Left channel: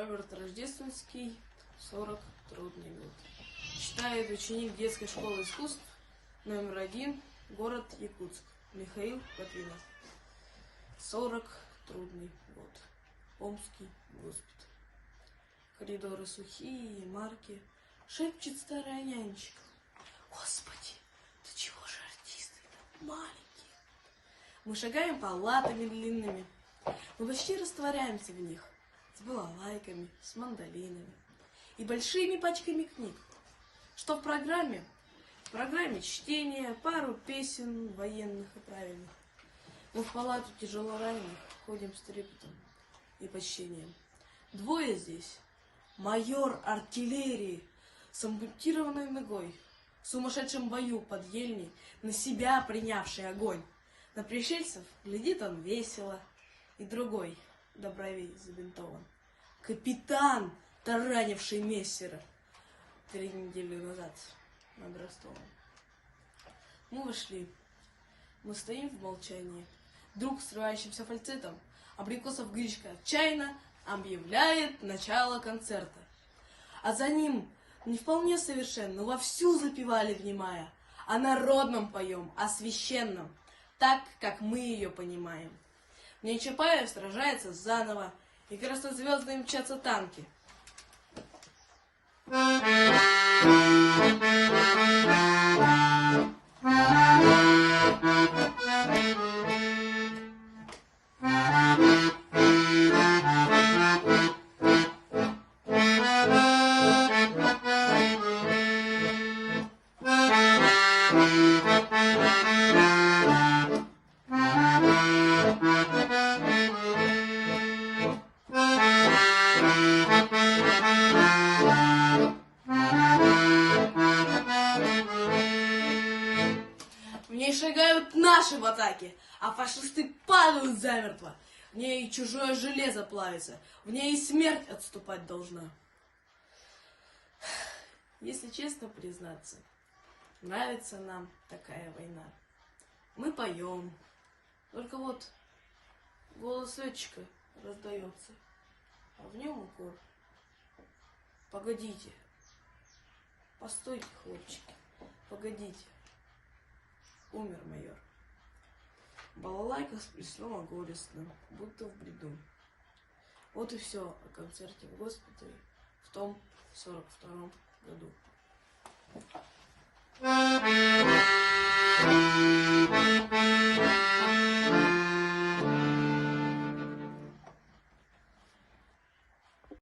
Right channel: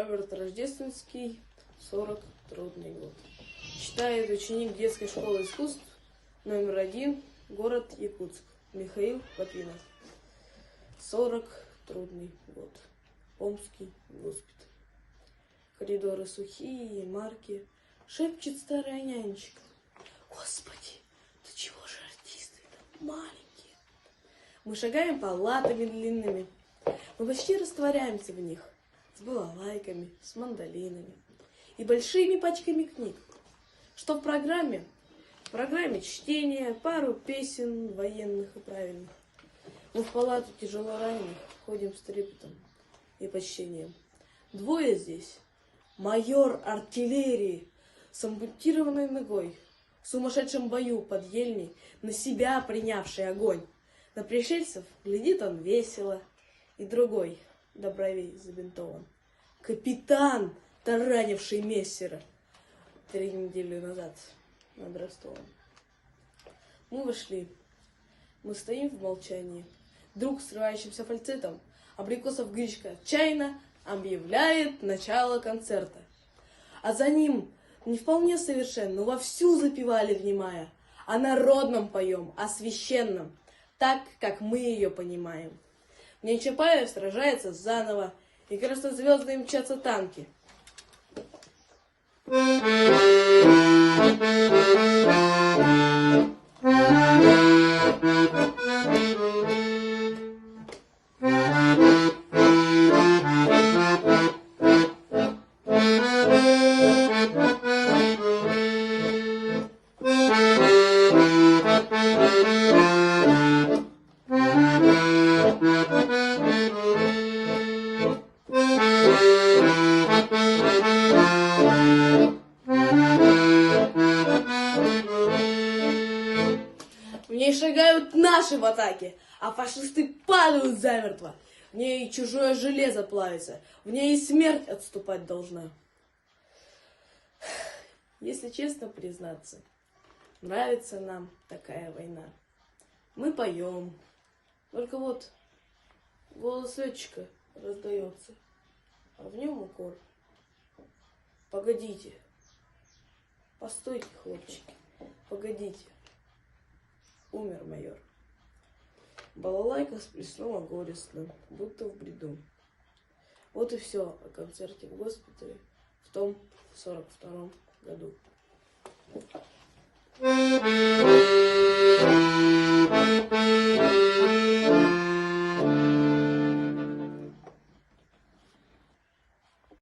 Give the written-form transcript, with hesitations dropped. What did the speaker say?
Роберт Рождественский, 40, трудный год. Читает ученик детской школы искусств номер 1, город Якутск, Михаил Попинов. 40, трудный год. Омский госпиталь. Коридоры сухие, марки. Шепчет старая нянечка: Господи, да чего же артисты-то маленькие? Мы шагаем палатами длинными. Мы почти растворяемся в них. С балалайками, с мандолинами и большими пачками книг. Что в программе? В программе чтение, пару песен военных и правильных. Мы в палату тяжело раненых ходим с трепетом и почтением. Двое здесь. Майор артиллерии с ампутированной ногой, в сумасшедшем бою под ельней, на себя принявший огонь. На пришельцев глядит он весело, и другой до бровей забинтован. Капитан, таранивший мессера 3 недели назад над Ростовом. Мы вошли. Мы стоим в молчании. Друг, срывающимся фальцетом, Абрикосов Гришка отчаянно объявляет начало концерта. А за ним, не вполне совершенно, но вовсю запевали, внимая, о народном поем, о священном, так, как мы ее понимаем. В ней Чапаев сражается заново, и краснозвездные мчатся танки. В ней шагают наши в атаке, а фашисты падают замертво. В ней и чужое железо плавится, в ней и смерть отступать должна. Если честно признаться, нравится нам такая война. Мы поем, только вот голос летчика раздается, а в нем укор. Погодите, постойте, хлопчики, погодите. Умер майор. Балалайка сплеснула горестно, будто в бреду. Вот и все о концерте в госпитале в том 42-м году.